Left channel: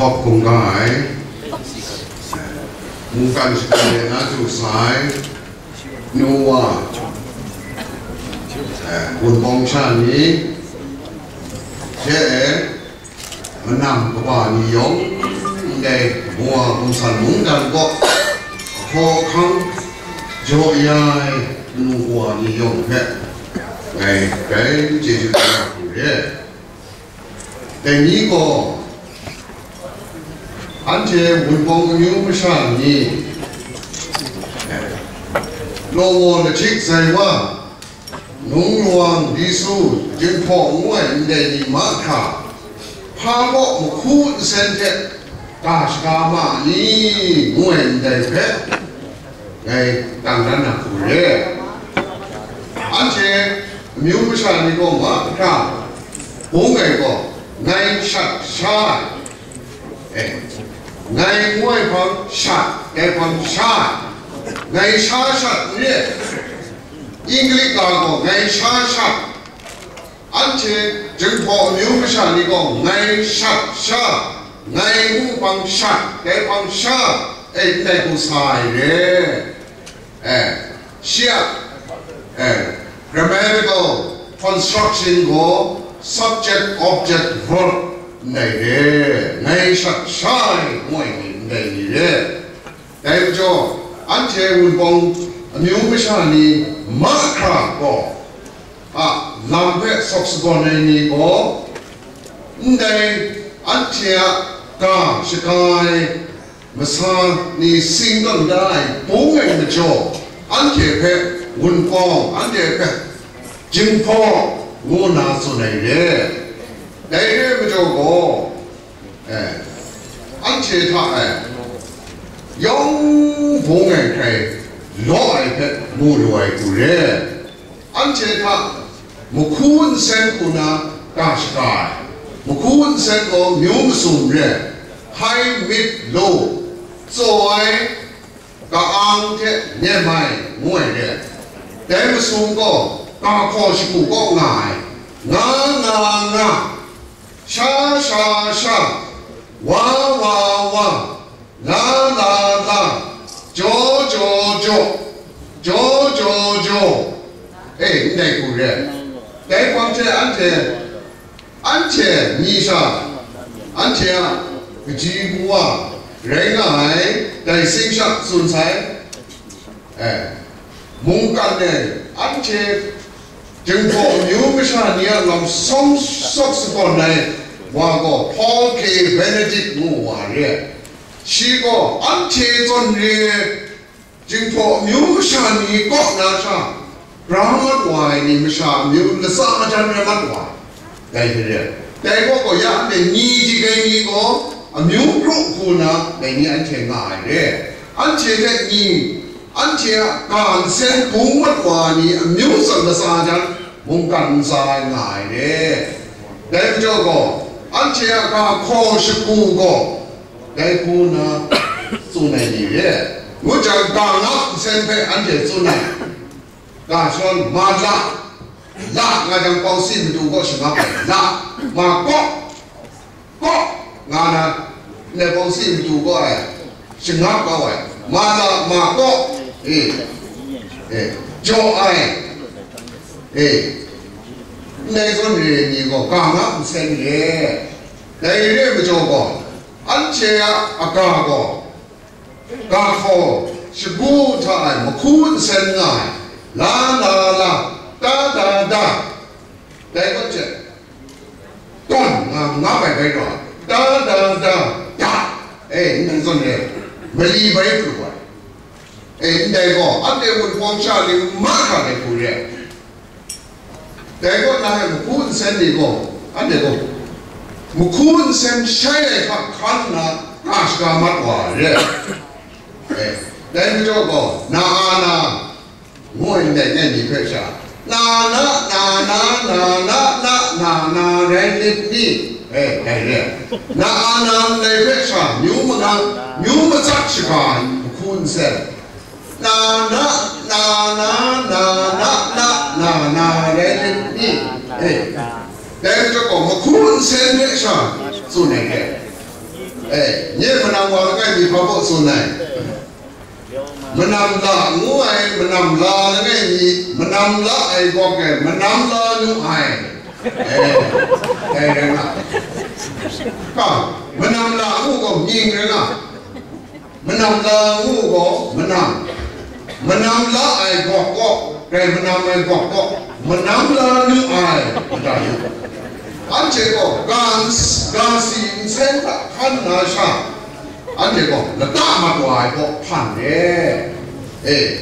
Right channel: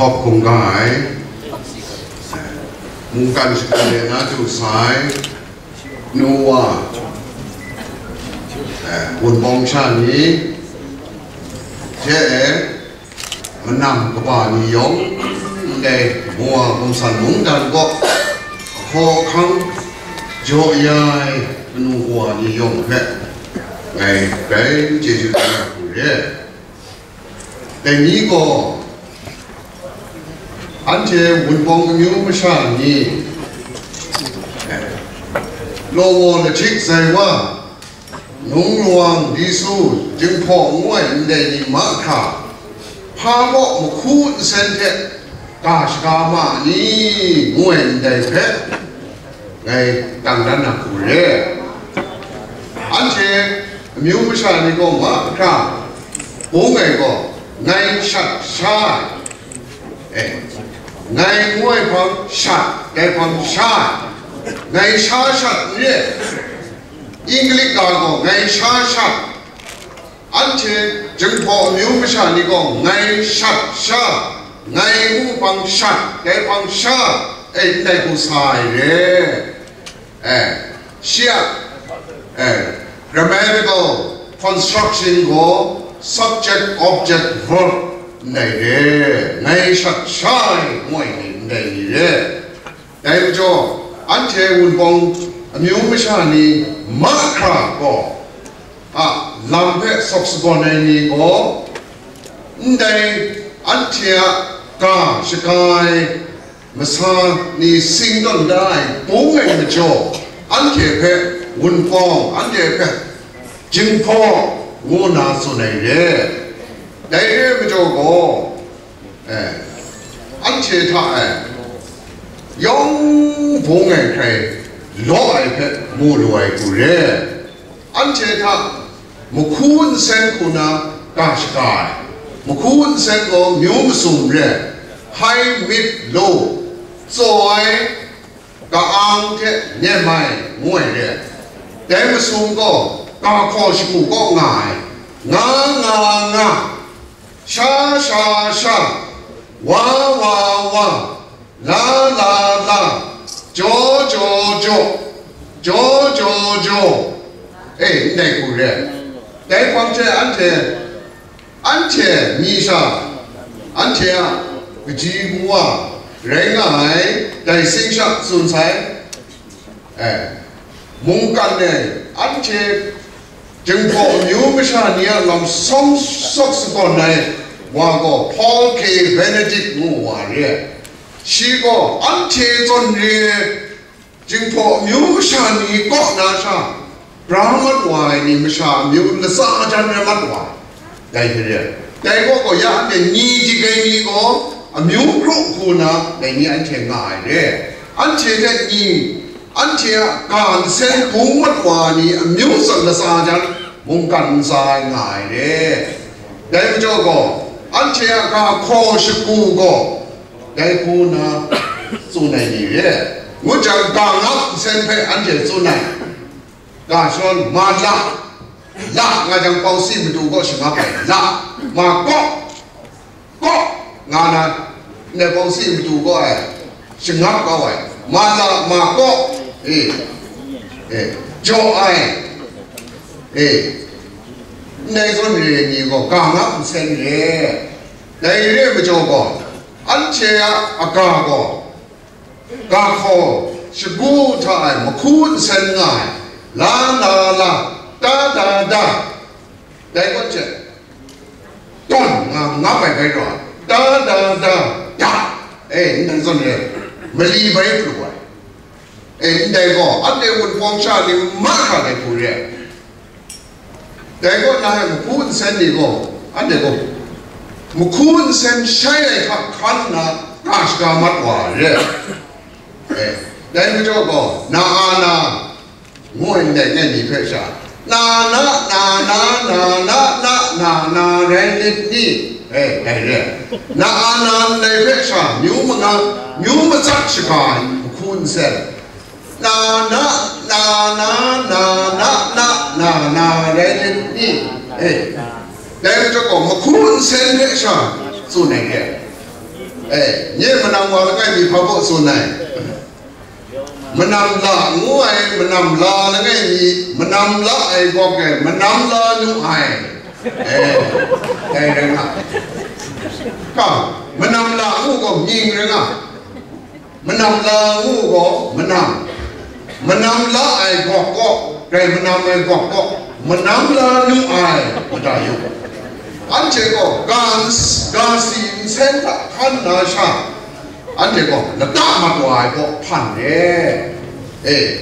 ขอบคุณกายมุงกันสกัดนะจุดสายนัวบุญบองชานี้เช่มันนำกว่านิยมได้มัวบุญสันมุงกันก็ขอครั้งโจยายนัวนิยมแค่ไงเป็นเจจุดาผู้เร่แต่นี้ก็อันเจบุญบองมิวชานี้โลวอนชิกใจว่านุ่งหลวงดิสูจึงพอง่วยได้ดีมากค่ะพาบอกมุคูนเซนเทกาชกามานี่ง่วยได้เพชรไงตั้งนั้นนะผู้เร่อันเจมิวชานี้ก็มากค่ะผมไงก็ไงชัดชาไงมวยพังชัดไงพังชาไงชาชัดเนี่ยอังกฤษก็ไงชาชัดอันเช่นจึงพอมิวไม่ชานี่ก็ไงชัดชาไงมูพังชัดไงพังชาในผู้ชายเนี่ยเชียgrammatical construction ก็ subject object verb ในเรื่องในชัดชายมวยในเรื่องแต่ก็อันเช่นบางมิวไม่ใช่นี่มาคราก็ลำเพศสุขในนี้ก็ในอันเช่นกาสกายมาสานนี่สิ่งนั้นได้ปุ่งเองนะจ๊ออันเช่นเพศวุ้นฟองอันเช่นเพศจึงพองูนาสุนัยเร่ได้เรื่องไม่จบก็อันเชื่อท่ายองพงเองใครล้อไอ้เพชรมูรวยกูเร่อันเชื่อท่ามุคูนเซนกูน่ากาชกายมุคูนเซนก็มิวมสุนเร่ไฮมิดโลสวยกะอังเทเนี่ยไม่งวยเร่แต่มสุนก็กาขอชิบุก็ง่ายงาชาว้าวลาโจในกูเร่แต่ความเชื่ออันเชื่อมีชาอันเชื่อวิจิบัวแรงง่ายแต่สิ่งชักสุนทรมุงกันเนี่ยอันเชื่อจึงพอมิวไม่ใช่เนี่ยลำส่งสกุลในว่าก็พอลเคเบเนดิกงูว่าเนี่ยชีก็อันเทจนเนี่ยจึงพอมิวไม่ใช่นี่ก็น่าชารามัดวายนี่ไม่ใช่มิวละสาจันรามัดวายได้เนี่ยแต่ก็อยากเป็นนี่จีกันนี่ก็มิวครุคุณนะในนี้อันเทง่ายเนี่ยอันเทแค่นี่อันเชื่อการเส้นพุงมัดวานี่มิวสันละสาจันมุงกันสายง่ายเด้ได้ไม่จบก็อันเชื่อการขอชิกูก็ได้กูนะสู้ในนี้เด้มุจจากการนับเส้นเพอันเชื่อสู้ในการชนมาละงานจังเปาซีมาดูก็ชิงาไปละมาก็งานนั้นในเปาซีมาดูก็ชิงาก็ไว้มาละมาก็โจไอในส่วนนี้ก็กางนับเส้นเลยในเรื่องไม่จบก็อันเชียอากาก็กาขอชิบูทายมาคูนเส้นง่ายลาตาได้ก็เจต้นงับไปก่อนตาในส่วนนี้ไม่รีบไปปลุกได้ก็อันเดียวกันฟองชาลิมากอะไรผู้เรียแต่ก็นายมุคูนเซนนี่ก็อันเดียวก็มุคูนเซนใช้ในขันนะกาชกามัดว่าเรียแต่ไม่จบก็นางวยในนี่เพื่อชานาเรนนี่ไอ้เรียนาในเพื่อชามิวมันจักชกายมุคูนเซนนาเรนนี่แต่จะก็มาคุ้นเส้นเนี่ยชาสู้ไหนแก nhớ mà nằm vào cái gì phá bộ số này mà nằm lạ ngủ ai mà nằm lạ là cái gì mà nằm lạ ai có cái mà nằm lạ như ai đây đây nè cả mà nằm lạ ngủ có nhìn đấy nè mà nằm lạ ngủ có mà nằm lạ ai có cái mà nằm ai có mà nằm lạ như ai mà đại anh chị có gan xin xem ta khăn nào sao anh chị có là ta mặt ngoài có phản đấy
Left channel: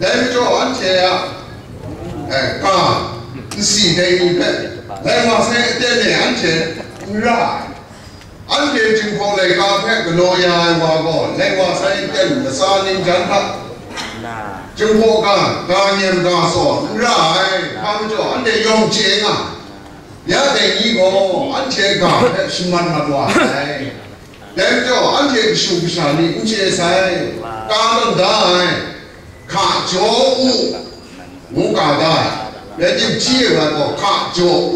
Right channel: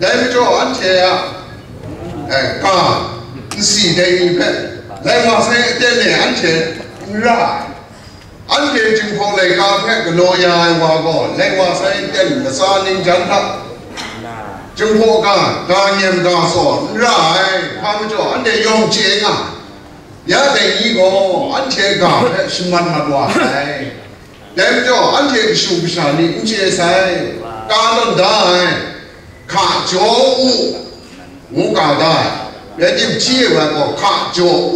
đấy cho anh chị cả xì đây như vậy lại mà sẽ tên này anh chị ra anh chị chừng phong này cà phê cái lô nhà qua có lại mà sẽ tên là sao nên chẳng thật chừng phong cả nhiệm cả sổ ra hai cho anh chị dùng tiền à giá tiền gì có anh chị cả xin mặt mặt ngoài đem cho anh chị sụp sàn đi cũng chia sẻ cả lần đại khả chỗ ngũ cả đại để tìm chia và có khả chỗ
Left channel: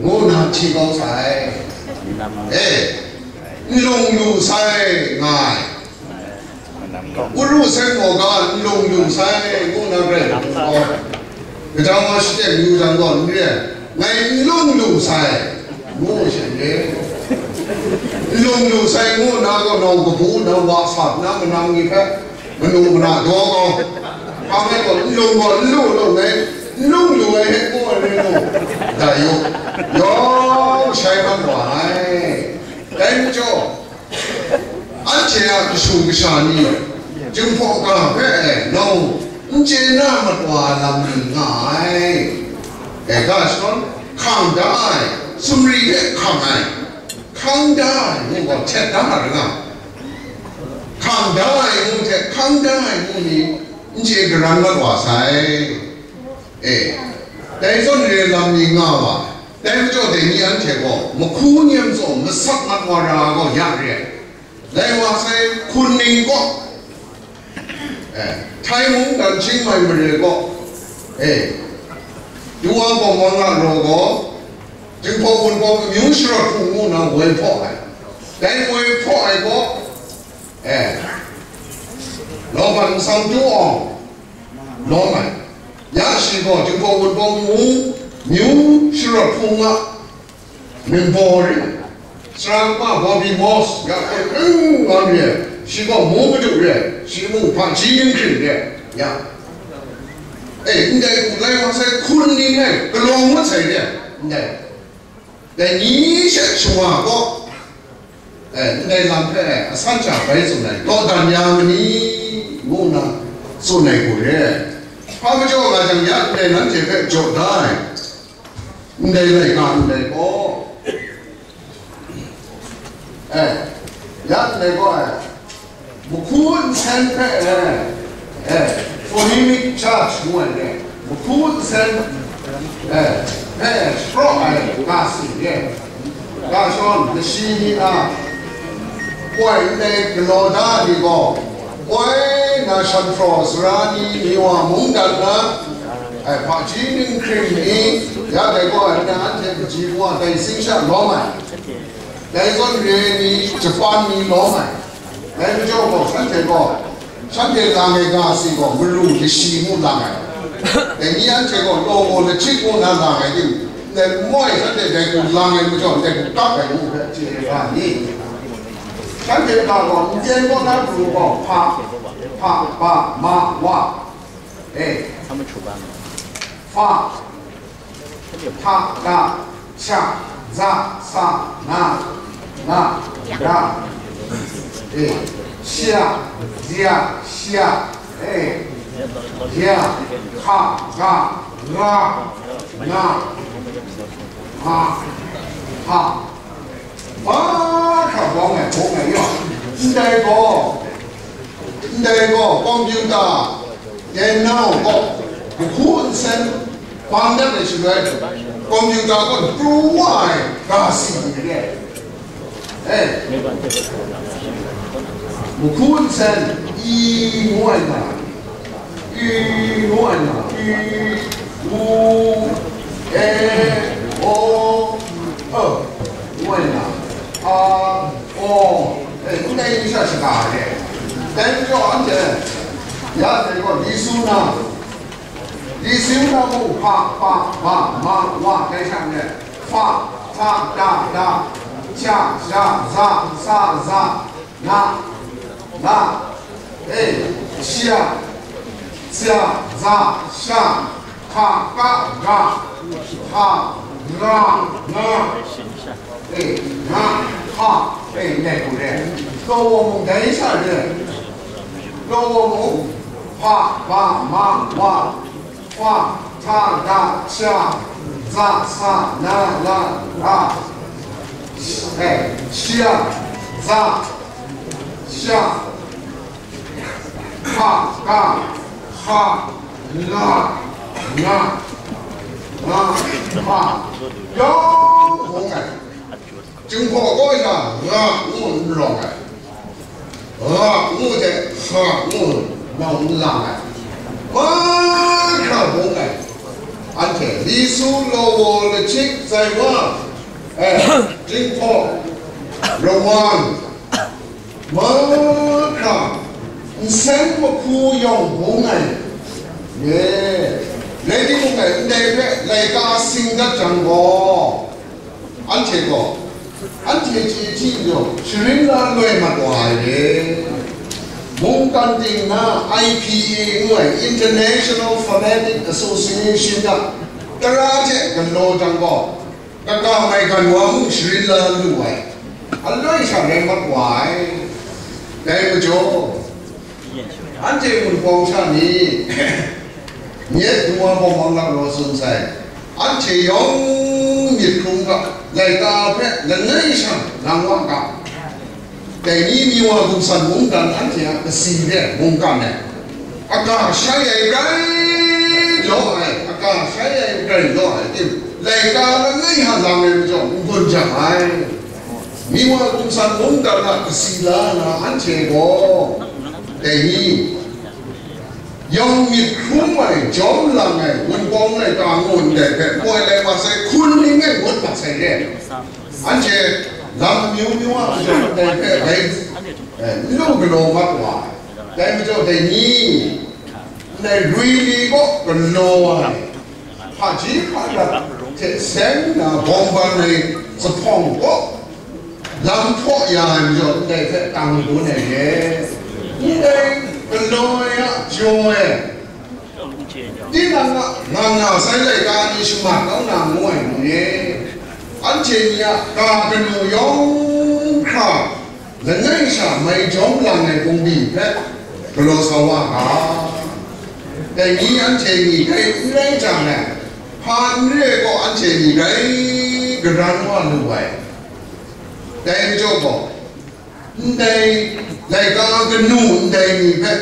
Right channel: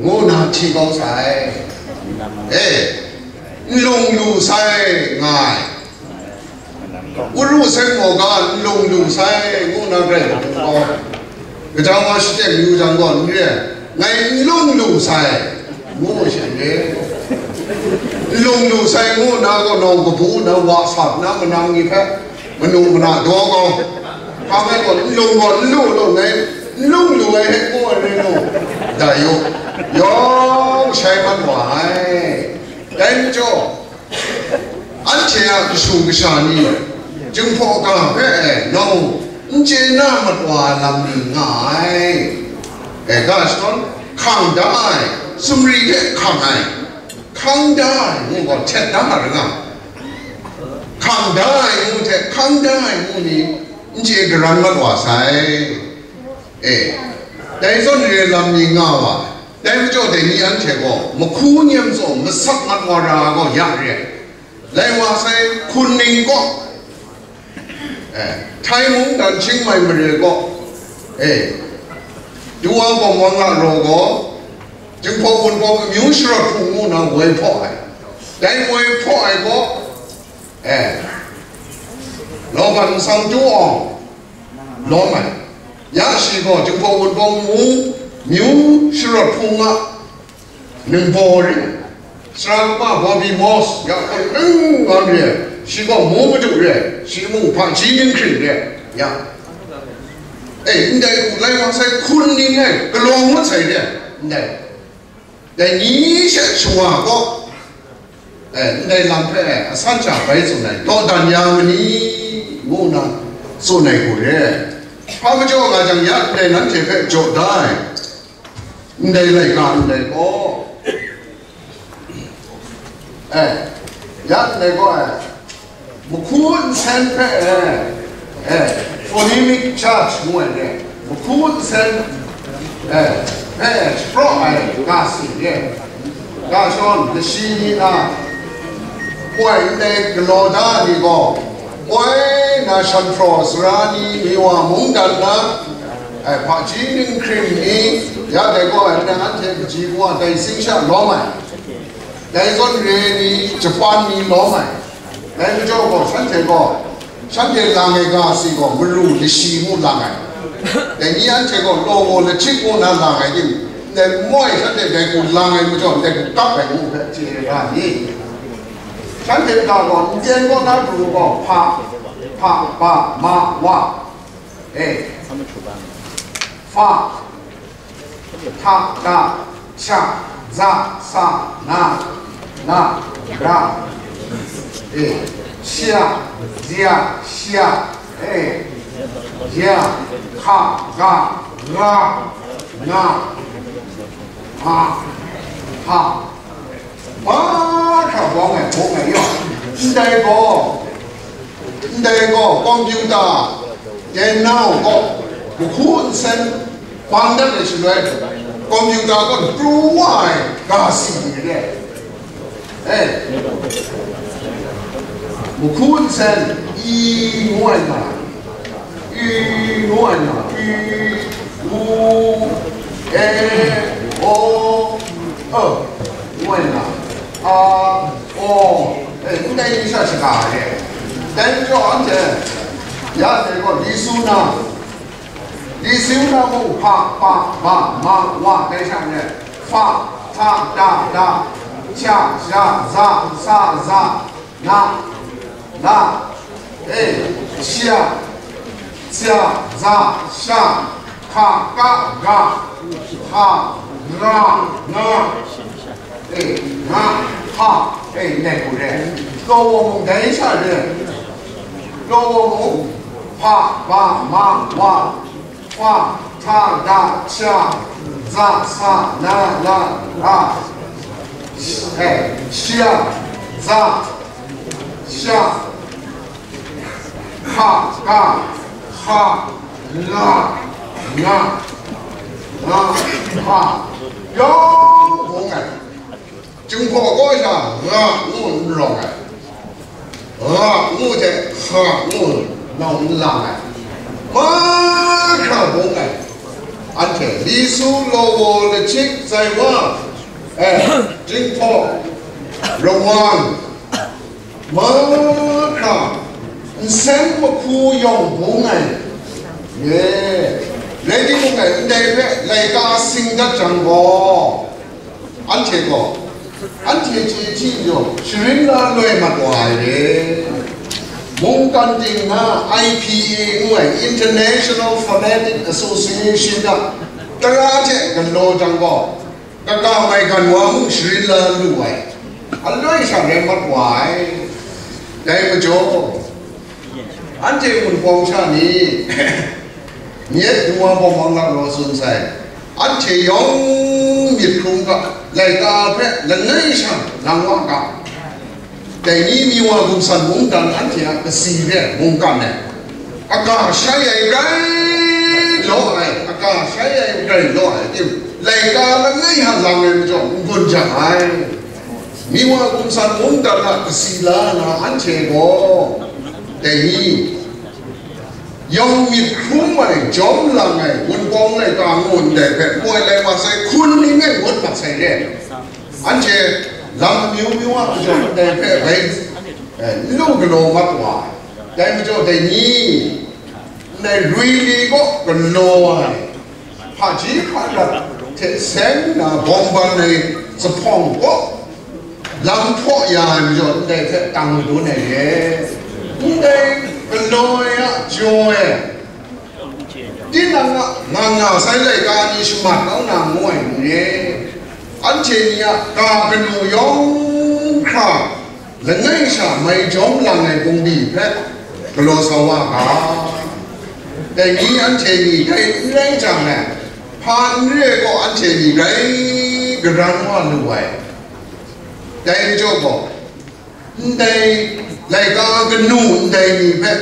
ngũ nào chỉ có sai lùng lù sai ngài ngũ lù sai ngũ cả lùng lù sai ngũ nào vậy cái trong mà sẽ lưu rằng còn như thế ngày lùng lù sai ngũ sẽ thế lùng lù sai ngũ nào có nông có phú nào vợ sập nào mà nông như thế mà nông mà nào đó con không phải còn lùng này lùng lù ấy hết ngũ này ngũ đại yo sai văn hóa đem cho anh chị à sung cái sản gì chứng phổ cả cái nông anh chị nam mặt hòa làm gì ngại cái son khang đại sum ri cái khang đại nhưng còn chết đá rồi nè khang đại nhưng chết khang đại nhưng anh chị cái răng mặt hòa sai đấy son ri làm gì ngại đem cho để như anh chị có một khu niệm rồi một sắc mặt hòa ra có dạng rồi lại hòa sai khuôn ninh có thái muốn đàn chính mày mà được có chú ông có mong là rồi có chứng phó quân có miếu sửa phụ ngũ nào quay phó ấy đấy quay phó ấy có nó vẫn sang chú ông nó mày giá sĩ có chứng phó quân có miếu sửa phụ ngũ nên bò đi sang qua bò bị mò ya ngon đi sĩ có mua một chút đi sĩ mua phản chí nhân khỉ đi ya anh đây lại mà sẽ khuôn đi này cái lông mất xảy đi này để nhí sẽ xóa có anh đây làm thế san trả phải số này to đàn nhà mình nhí ngon nào số này của đấy không cho cả chẳng nhất đây nó chỉ phải chỗ đây đây lại còn đây có nhất này có một khuôn sen phải phonemic charge ngoài này một khuôn sen pro gas này gas on the sea à quay đây cái lô đá đi có quay na san frost ra đi hoa mông đàn na phát triển cream đi giá đây có anh ăn thêm chỉ qua đây sinh sản lúa mày đây con rể đi Japan đi lúa mày đây cho có sản thể có sản thể làm cái gì có mớiรู้cái gì muốn làm cái để như anh thấy có lô là chích muốn làm cái gì để mỗi sản thể để cũng làm cái mới cho để cũng cắt cái cũng phải chỉ là gì sản thể là còn trên con nó đủ có pa ma wa fa ta da cha za sa na ra xia dia xia dia ha ga ra na ha ba khảo bóng này bộ này nhá đây có computer điện não có một khuôn sen quan đất này xử lý computer có true why cả gì đấy một khuôn sen y ngoài mà u e o ngoài mà cũng đây đi sao chỉ cả đấy đến cho anh chị ya đây có lý số nào mu pa ma wa đây sang này fa tha da cha za sa za na chia za sha ka ga ha ra na ha này của đấy lô mông đấy sao đấy lô mông pa ma wa tha da cha za sa na chia za sha ka ga ha la na ha yo không à chúng ta có cái ngủ lòng à ngủ thì ngủ lòng lòng à mà cả bốn ngày anh thấy lý số lô là chiếc dài quá chính phủ rồng hoàng mà cả sáng một khu dòng bốn ngày lấy đi một ngày đây vậy lấy cả sinh đất chẳng có anh thấy có anh thấy chỉ rồi chuyện là người mặt ngoài đấy mong can tình na IPA người International Phonetic Association đó ta ra thế gần lô chẳng có ta cao mày gần quá mong chuyện là người anh nói sao để mặt ngoài đây mà chỗ anh thấy một phong sa ní nhất mua phong phong làm lo xuân say anh thấy giống nhiệt không cả lại ta phải là ngay sang làm quá cảแต่นี่มีว่าบุญสันมุ่งกันอันที่ก็สีเนี่ยมุ่งกันเนี่ยอากาศใช้ไอ้ไรล้อไอ้อากาศใช้ไอ้ไรล้อไอ้ที่รายการแล้วไงฮะหลังเนี่ยมันจะบุญจะหายมีว่าบุญสันมุ่งกันนะก็สีละนะอันเชโกแต่นี่ยังมีคุ้มอะไรจอมหลังไงบุญกองในกลางงุนแต่แบบป่วยอะไรมาใส่คุณนี่ไงบุญมาใส่เนี่ยอันเชlàm miêu á cho đây phải vậy lúc cái lô mắt hoài đây mới cho đây nhỉ đây ruồi đi có cái lô này họ chỉ phải là thế sáng là bom bắn này sẽ phong có làm phọ dài mới cho đây phải tăng đủ này đây cái lô á rồi tin rằng ngang nào sai lại cả đi xuống mặt nó nằm ngoài này anh chị nhá cả cái nội dung khác là ngay sao mấy nhóm lần này cũng bị hết cái lô sao cả để nghĩ anh chị cái ngay chẳng này phan rê có anh chị cái răng hoa như vậy đây cho bộ đây lại cả cái nụ đây bị hết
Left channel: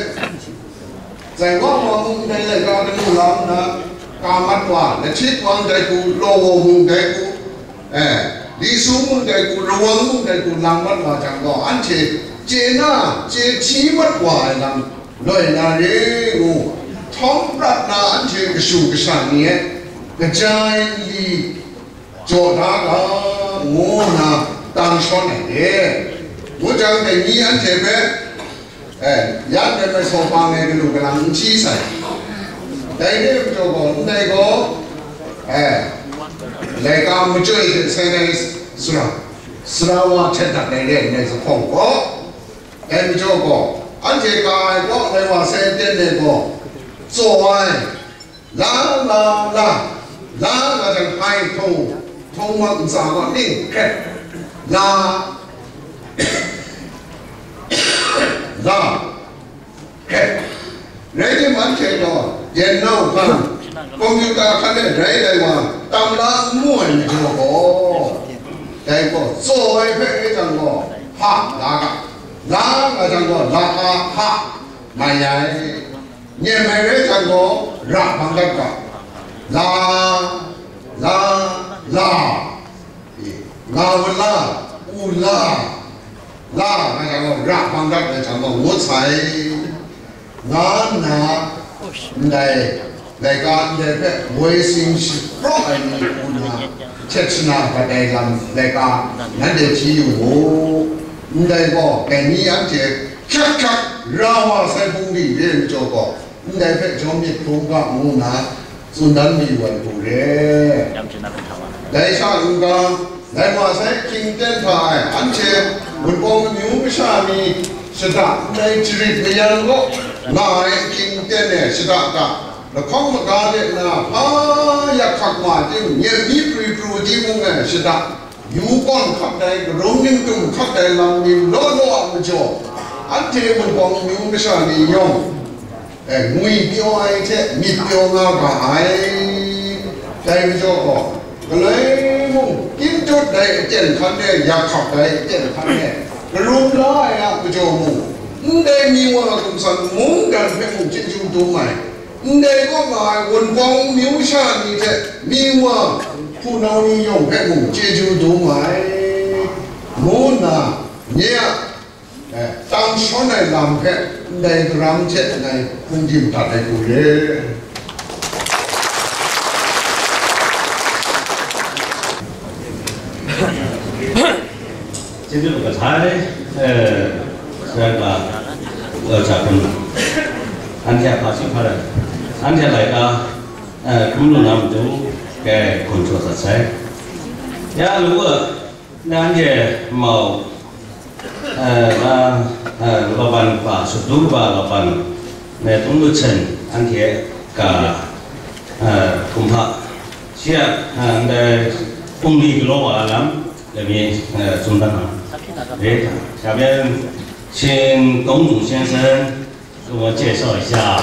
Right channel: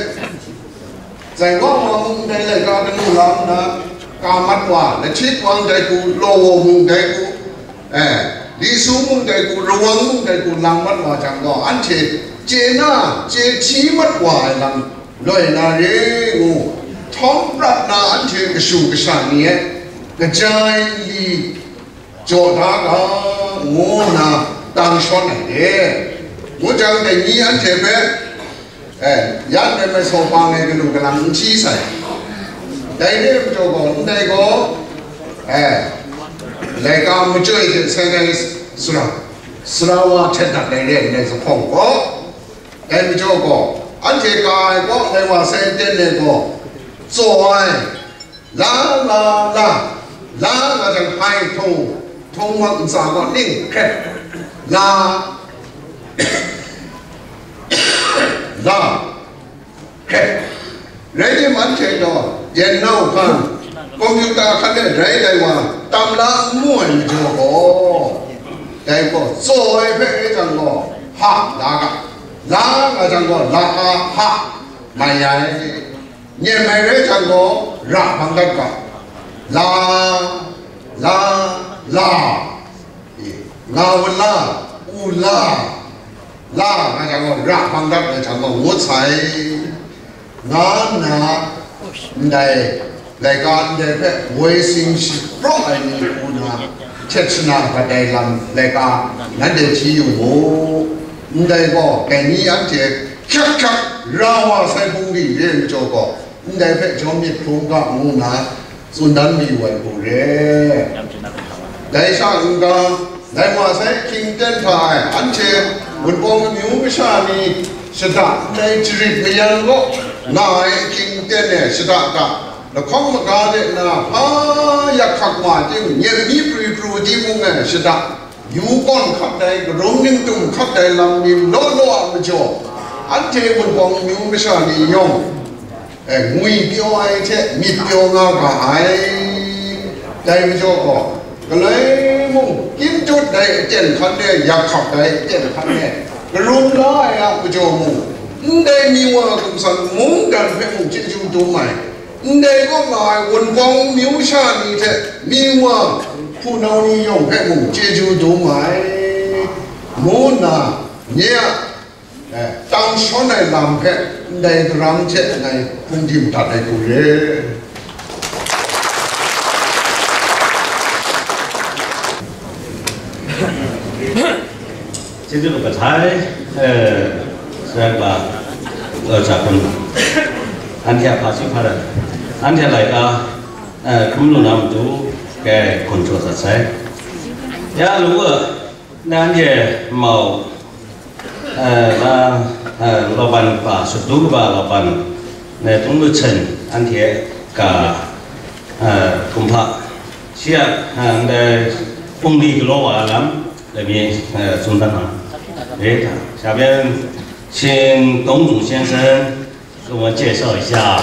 giải quá mà đây lại cả cái nụ lắm đó cả mắt hoa là chết quang đây cũng lô mùng đây cũng đi xuống mông đây cũng ruộng mông đây cũng làm mất hòa chẳng có anh chế na chế chí mất hòa làm lời là đấy ngủ thóng đặt na anh chế cái sủ cái sản này cái trái đi chỗ đó đó ngủ na đang son này đấy ngủ chẳng để nghĩ anh chế bé dắt đây mới số bằng này cái lục cái làm chi sai đây đấy cho còn đây có lại cả một chơi thì sẽ này sura wa chết đặt đây này này sẽ phong có đây mới cho có anh chị cái có đâyว่าsẽ tên này có rồi lá là chẳng hay thông mà cũng sao có ninh khét là khét lấy cái món chơi đó yên nào không computer khá là rẻ đây mà tam lá muôn cho có đây có rồi phải chẳng có ha lá là chẳng có là ha mày này nhìn mày đấy chẳng có rạ bằng đất cả la ngao la u la là chẳng có rạ bằng đất là chẳng có ngũ彩ngã nà đây đạiการได้แค่微信是ปล่อยนี่คุณนะ เช็ดชนะก็ได้ลำเลยก็นั่นเดี๋ยวที่อยู่โอ้ได้ก็แต่นี้อันเจ็บคักเราว่าใส่ปุ่งดีเรื่องโจก็ได้เพื่อชมมีพงกับงูนะสุนันมีวันผู้เร่ได้ชาอุกาได้มาใส่คิงเต้นทายอันเจ็บบนกองมิวไม่ชานีสตาได้จริตไม่ยังก็นายคิงเต้นเนี่ยสตาตาแล้วข้องมาการเนี่ยนะพาอยากขับมาจริงเนี่ยมีปรีปรูที่มุงเนี่ยสตาอยู่ก่อนขับได้ร้องยิ่งตุ้มขับได้ลำนิ่มโน่นอ่ะไม่จบอันเจ็บบนกองมิวไม่ชานียองงุยเปียวไอ้เช่มีเปียวงาก็ไอ้ใจไม่จบก็เลยมุงกินจุดได้เจนคันเนี่ยอยากขับได้เจนคันเนี่ยก็รู้ได้อ่ะไม่จบมุงได้มีว่าคุณสันมุงกันให้มุงจิ้นจุดตัวใหม่ได้ก็มาวนกองมิวชานี่เช่มีว่าผู้นานิยมให้มุงจิ้นจุดตัวใหม่มุนน่ะเนี่ย当初那蓝片，那个蓝色那空气不大那个嘞。这个个菜，是吧？咋分？安天爬起爬的，安天来个，公路那么多，给工作的菜。呀，如果那天冇。老板把速度吧，老板那东路城安贴个恐怕现那公里个老瓦了，那边中单行，下边请董总先生给我介绍一下。